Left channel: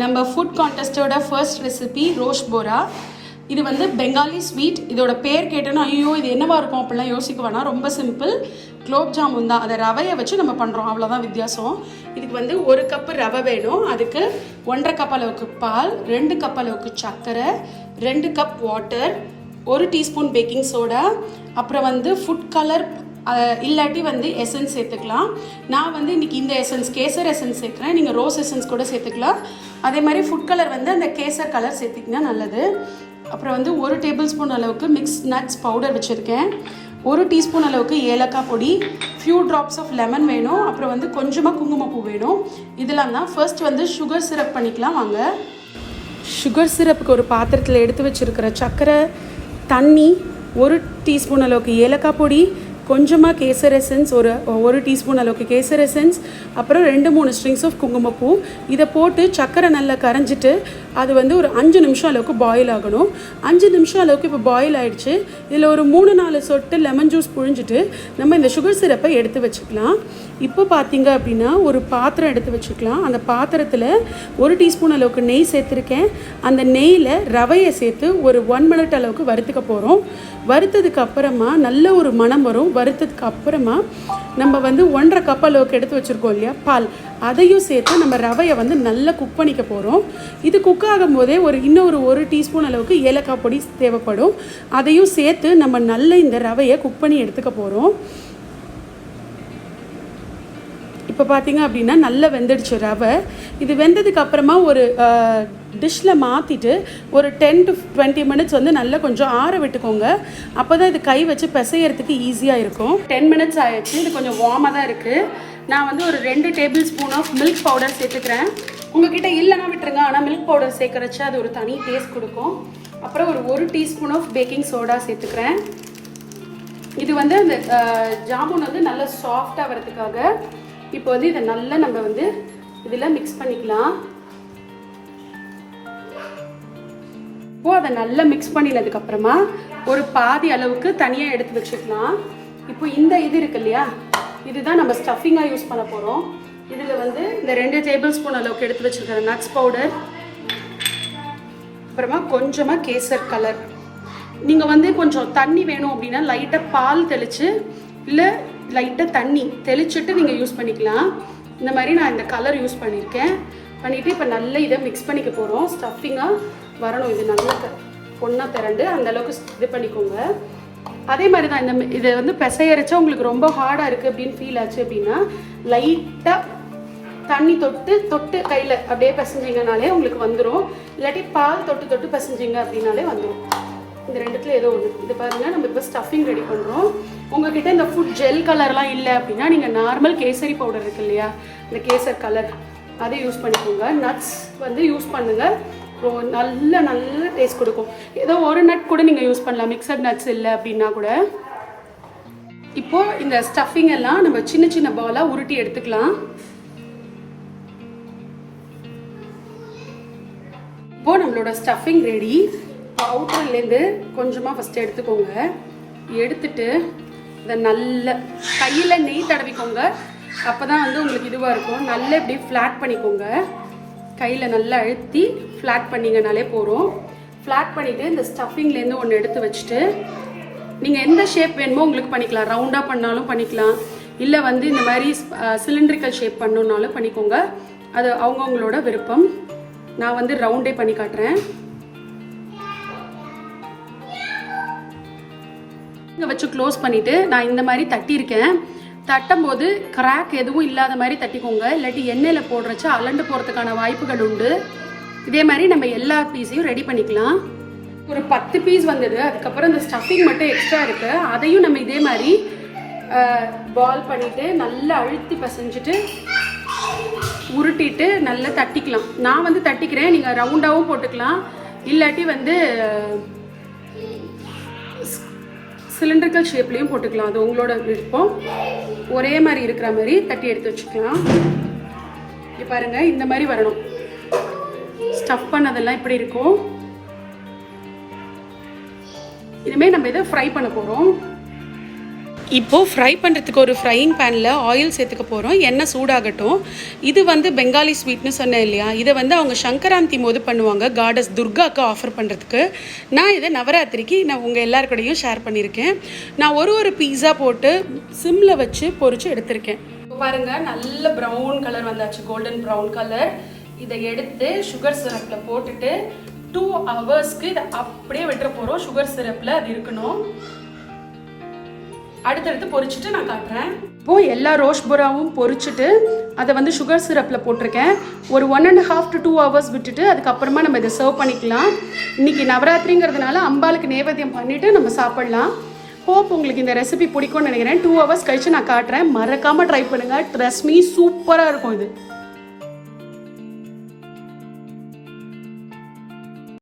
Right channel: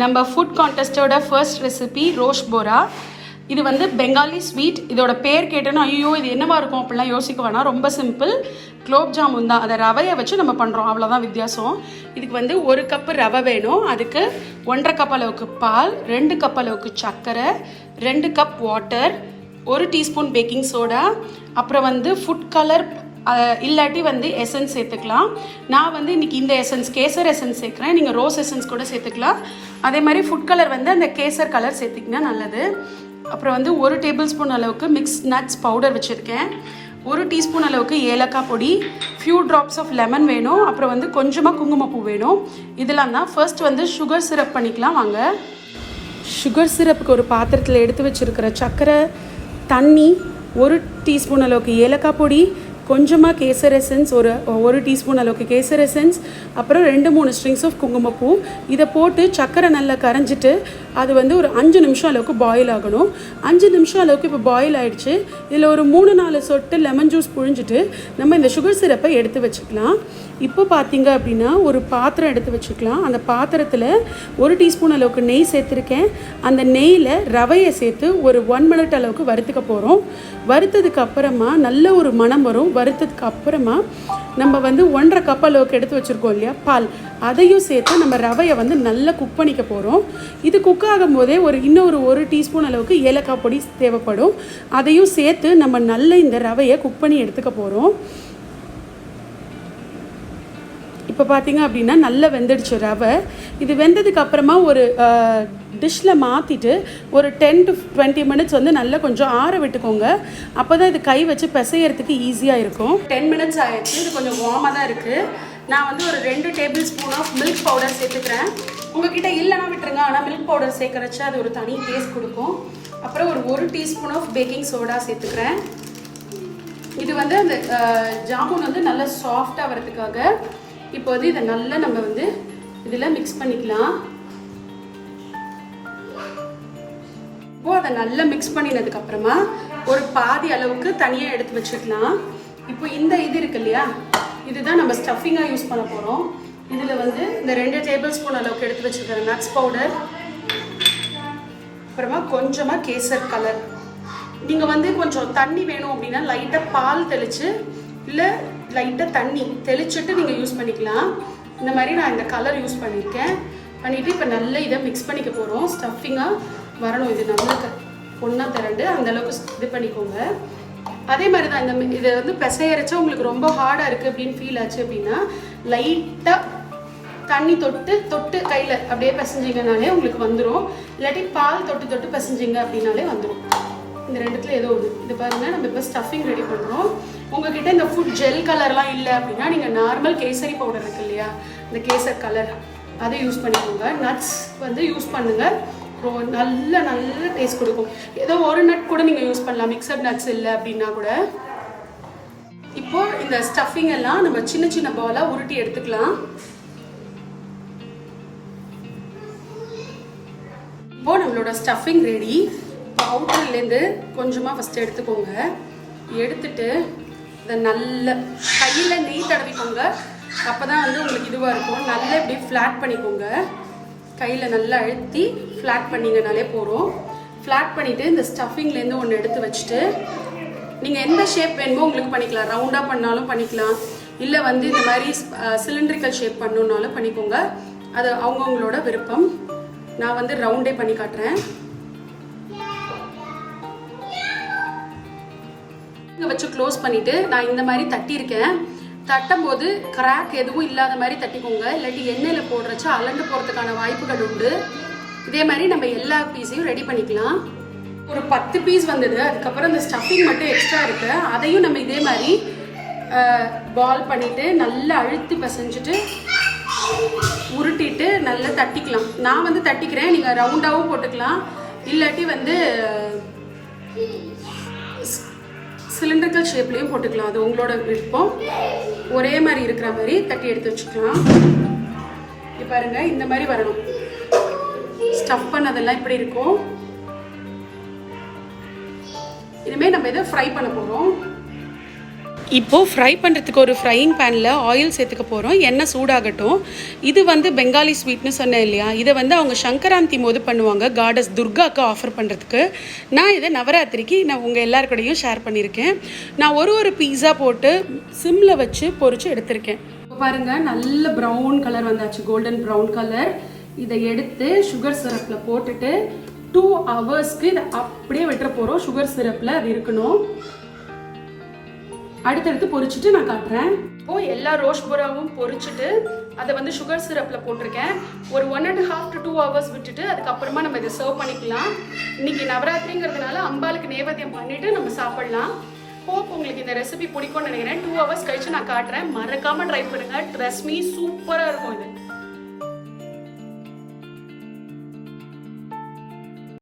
நம்ம food கான்டெஸ்டோட first recipe ரோஷ் Bora. இது வந்து பெங்காலி ஸ்வீட். இதோட பேர் கேட்டோன்னா ஐயோ இது என்னவா இருக்கும் அப்படிலாம் யோசிக்க வேணாம். ரொம்ப சிம்பிள். குலோப் ஜாமுன் தான். அதை ரவையை வச்சு நம்ம பண்ணுறோம், அவ்வளோதான் வித்தியாசம். இதுக்கு வந்து 1 கப்பு ரவை வேணும். அதுக்கு 1.5 கப் அளவுக்கு பால், 2 கப் அளவுக்கு சர்க்கரை, 2 cup water, 1 teaspoon baking soda, அப்புறம் வந்து ஃபுட் கலர் இல்லாட்டி வந்து எசன்ஸ் சேர்த்துக்கலாம். நான் வந்து இன்னைக்கு இந்த எசன்ஸ் கேசர் எசன்ஸ் சேர்க்குறேன். நீங்கள் ரோஸ் எசன்ஸ் கூட சேர்த்துக்கலாம். அதே மாதிரி ஃபுட் கலர் வந்து அந்த கேசர் கலர் சேர்த்திங்கன்னா நல்லது. அப்புறம் வந்து 1 டேபிள் ஸ்பூன் அளவுக்கு மிக்ஸ் நட்ஸ் பவுடர் வச்சுருக்கேன். 1 டீஸ்பூன் அளவுக்கு ஏலக்காய் பொடி, ஃபியூ ட்ராப்ஸ் ஆஃப் லெமன் வேணும். அப்புறம் வந்து கொஞ்சமாக குங்குமப்பூ வேணும். இதெல்லாம் தான். ஃபர்ஸ்ட் வந்து சுகர் சிரப் பண்ணிக்கலாம் வாங்க. சுகர் சிரப்புக்கு ஒரு பாத்திரத்தில் எடுத்து வச்சுருக்கிற சர்க்கரை, தண்ணி, 1 டீஸ்பூன் அளவுக்கு ஏலக்காய் பொடி, கொஞ்சமாக கேசர் எசன்ஸ், ஒரு டீஸ்பூன் அளவுக்கு கேசர் எசன்ஸ், அப்புறம் 2-3 ஸ்ட்ரிங்ஸ் ஆஃப் குங்குமப்பூ. இதை போட்டு சர்க்கரை நல்லா கரைஞ்சிட்டு அது வந்து ஒரு 5 நிமிஷம் அளவுக்கு பாயில் ஆகணும். 5 நிமிஷம் அளவுக்கு இப்போ பாயில் ஆகிடுச்சு. இதில் ஒரு 3-4 சொட்டு லெமன் ஜூஸ் புழிஞ்சிட்டு நம்ம இந்த சுகர் சிரப்பை எடுத்து வச்சுக்கலாம். இப்போ பார்த்தீங்க அப்படின்னா ஒரு பாத்திரம் எடுத்து வச்சுக்கலாம். அந்த பாத்திரத்தில் 1 டீஸ்பூன் அளவுக்கு நெய் சேர்த்துருக்கேன். அந்த நெய்யில் ரவையை சேர்த்து ஒரு 1 மினிட் அளவுக்கு வறுத்துக்க போகிறோம். வறுத்ததுக்கு அப்புறமா நல்ல ஒரு மணம் வரும். வறுத்ததுக்கு அப்புறமா நம்ம வந்து 1.5 கப் அளவுக்கு எடுத்து வச்சுருக்கோம் இல்லையா பால், அதையும் சேர்த்து நம்ம ரவையை வந்து நல்லா குக் பண்ணிக்க போகிறோம். இது குக் ஆகும் போதே இன்னொரு 1 டீஸ்பூன் அளவுக்கு ஏலக்காய் பொடி தேவைப்படும். அதையும் சேர்த்து நம்ம நல்ல இந்த ரவையை குக் பண்ணி எடுத்துக்க போகிறோம். இப்போ பார்த்தீங்க அப்படின்னா நல்லா வெந்துடுச்சு ரவை. இது வெந்ததுக்கு அப்புறமா ஒரு டிஷ்ஷில் மாற்றிட்டு ஒரு 10 to 20 மினிட்ஸ் வந்து நல்லா கொஞ்சம் ஆற விட்டுக்கோங்க. அப்போ தான் இது கை வச்சு பிசையறதுக்கு ஈஸியாக இருக்கும். 10 மினிட்ஸ் ஆகிடுச்சு. இது கொஞ்சம் வார்மாக தான் இருக்குது. நான் வந்து ஒரு 2 tablespoon of milk powder சேர்த்துக்கிறேன். உங்ககிட்ட இல்லைன்னா விட்டுருங்க. ஆனால் மில்க் பவுடர் சேர்க்கறச்சு அது ஒரு தனி டேஸ்ட் கொடுக்கும். அப்புறம் ஒரு 1 டீஸ்பூன் ஆஃப் பேக்கிங் சோடா சேர்த்துக்கிறேன். இது வந்து அந்த ஜாமுன் வந்து நல்லா சாஃப்டாக வரதுக்காக. இப்போ வந்து இதை நல்லா நம்ம வந்து இதில் மிக்ஸ் பண்ணிக்கலாம். இப்போ அதை நல்லா மிக்ஸ் பண்ணினதுக்கப்புறமா ஒரு பாதி அளவுக்கு தனியாக எடுத்து வச்சுக்கலாம். இப்போ இந்த இது இருக்கு இல்லையா, இதுதான் நம்ம ஸ்டஃபிங்காக யூஸ் பண்ண போகிறோம். இதில் வந்து இந்த 2 டேபிள் ஸ்பூன் அளவுக்கு எடுத்து வச்சுருக்கிற நட்ஸ் பவுடர், அப்புறமா கொஞ்சமாக கேசர் கலர். நீங்கள் வந்து கொஞ்சம் தண்ணி வேணும் அப்படின்னா லைட்டாக பால் தெளித்து இல்லை லைட்டாக தண்ணி தெளிச்சுட்டு நீங்கள் யூஸ் பண்ணிக்கலாம். இந்த மாதிரி நான் இந்த கலர் யூஸ் பண்ணியிருக்கேன். பண்ணிவிட்டு இப்போ நல்லா இதை மிக்ஸ் பண்ணிக்க போகிறோம். ஸ்டஃபிங்காக வரணும். இது நல்லா ஒன்றா திரண்டு அந்தளவுக்கு இது பண்ணிக்கோங்க. அதே மாதிரி தான் இதை வந்து பிசையரைச்சா உங்களுக்கு ரொம்ப ஹார்டாக இருக்குது அப்படின்னு ஃபீல் ஆச்சு அப்படின்னா லைட்டாக தண்ணி தொட்டு கையில் அப்படியே பிசைஞ்சிங்கனாலே உங்களுக்கு வந்துடும். இல்லாட்டி பால் தொட்டு பிசைஞ்சிங்க அப்படின்னாலே வந்துடும். இந்த 2த்துல ஏதோ ஒன்று. இது பாருங்கள், நம்ம இப்போ ஸ்டஃபிங் ரெடி பண்ணுறோம். உங்ககிட்ட இந்த ஃபுட் ஜெல் கலர்லாம் இல்லை அப்படின்னா நீங்கள் நார்மல் கேசரி பவுடர் இருக்கு இல்லையா, இந்த கேசர் கலர், அதை யூஸ் பண்ணிக்கோங்க. நட்ஸ் வந்து யூஸ் பண்ணுங்கள். நல்ல டேஸ்ட் கொடுக்கும். ஏதோ ஒரு நட் கூட நீங்கள் யூஸ் பண்ணலாம், மிக்சட் நட்ஸ் இல்லை அப்படின்னா கூட. இப்போது இந்த ஸ்டஃபிங் எல்லாம் நம்ம சின்ன சின்ன பாலாக உருட்டி எடுத்துக்கலாம். இப்போ நம்மளோட ஸ்டஃபிங் ரெடி. அவுட்டர்லேருந்து கொஞ்சமாக ஃபஸ்ட்டு எடுத்துக்கோங்க. எடுத்துட்டு இதை நல்ல கையில் நெய் தடவிக்கோங்க. அப்போ தான் வந்து உங்களுக்கு இதுவாக இருக்கும். நல்லா இப்படி ஃப்ளாட் பண்ணிக்கோங்க. கையில் நல்லா அழுத்தி ஃப்ளாட் பண்ணிங்கனாலே போகிறோம். ஃப்ளாட் பண்ணிவிட்டு இந்த ஸ்டஃபிங்லேருந்து ஒன்று எடுத்து வச்சுட்டு நீங்கள் எந்த ஷேப் வேணுமோ உங்களுக்கு பண்ணிக்கலாம். ரவுண்டாக பண்ணாலும் பண்ணிக்கலாம், இல்லை வந்து இந்த மாதிரி சிலிண்ட்ரிக்கல் ஷேப் பண்ணணுன்னாலும் பண்ணிக்கோங்க. அது அவங்கவுங்களோட விருப்பம். நான் வந்து ரவுண்டே பண்ணி காட்டுறேன். வச்சு க்ளோஸ் பண்ணிவிட்டு நான் இந்த மாதிரி தட்டியிருக்கேன். தட்டும் போது கிராக் எதுவும் இல்லாத மாதிரி தட்டிக்கோங்க. இல்லாட்டி எண்ணெயில் போடுறச்சு அலண்டு போகிறதுக்கான வாய்ப்புகள் உண்டு. இதே மாதிரி நம்ம எல்லா பீஸையும் ரெடி பண்ணிக்கலாம். ஒரு 10 பீஸ் வந்தது. அதுக்கப்புறம் இந்த ஸ்டஃபிங் மட்டும் எக்ஸ்ட்ரா இருக்குது. அதையும் நம்ம இதே மாதிரி பால் பண்ணிவிட்டு நல்லா அழுத்தி பசைஞ்சிட்டு உருட்டிட்டு நல்லா தட்டிக்கலாம். நான் வந்து தட்டிக்கிறேன். நீங்கள் ரவுண்டாகவும் போட்டுக்கலாம், இல்லாட்டி வந்து சிலிண்டரிக்கல் ஷேப்லேயும் போட்டுக்கலாம். அது உங்களோட விருப்பம். ஒரே மாதிரி இருக்கிற மாதிரி தட்டி எடுத்து வச்சுக்கலாம். பாருங்க, இந்த மாதிரி வரணும். ஸ்டஃப் பண்ணதெல்லாம் இப்படி இருக்கும். இனிமேல் நம்ம இதை ஃப்ரை பண்ண போகிறோம். இப்போது ஃப்ரை பண்ணுறதுக்கு ஒரு ஃப்ரையிங் பேனில் ஆயில் சேர்த்துக்க போகிறோம். எண்ணெய் சூடாகட்டும். இது வந்து பெங்காலி ஸ்வீட்னு சொன்னேன் இல்லையா, இதை வந்து அவங்க சங்கராந்தி போது பண்ணுவாங்க, காடஸ் துர்காவுக்கு ஆஃபர் பண்ணுறதுக்கு. நான் இதை நவராத்திரிக்கு நான் உங்கள் எல்லாருக்கூடையும் ஷேர் பண்ணியிருக்கேன். நான் ஒரு பீஸா போட்டு சிம்மில் வச்சு பொரிச்சு எடுத்திருக்கேன். பாருங்கள், நல்ல ப்ரௌன் கலர் வந்தாச்சு, கோல்டன் ப்ரௌன் கலர். இதை எடுத்து சுகர் சிரப்பில் போட்டுட்டு 2 ஹவர்ஸ்க்கு இதை அப்படியே விட்டுற போகிறோம். சுகர் சிரப்பில் அது இருக்கணும். அடுத்தடுத்து பொரிச்சிட்டு நான் காட்டுறேன். இப்போது எல்லா ரோஷ் போராவும் பொரிச்சிட்டு அதை வந்து சுகர் சிரப்பில் போட்டிருக்கேன். ஒரு 1.5 to 2 hours விட்டுட்டு அதுக்கப்புறமா நம்ம இதை சர்வ் பண்ணிக்கலாம். இன்றைக்கி நவராத்திரிங்கிறதுனால அம்பாளுக்கு நைவேத்தியம் பண்ணிவிட்டு நம்ம சாப்பிட்லாம். ஹோப் உங்களுக்கு இந்த ரெசிபி பிடிக்கும்னு நினைக்கிறேன். 2 hours கழிச்சு நான் காட்டுறேன். மறக்காமல் ட்ரை பண்ணுங்கள். ட்ரஸ்ட் மீ, சூப்பராக இருக்கும் இது.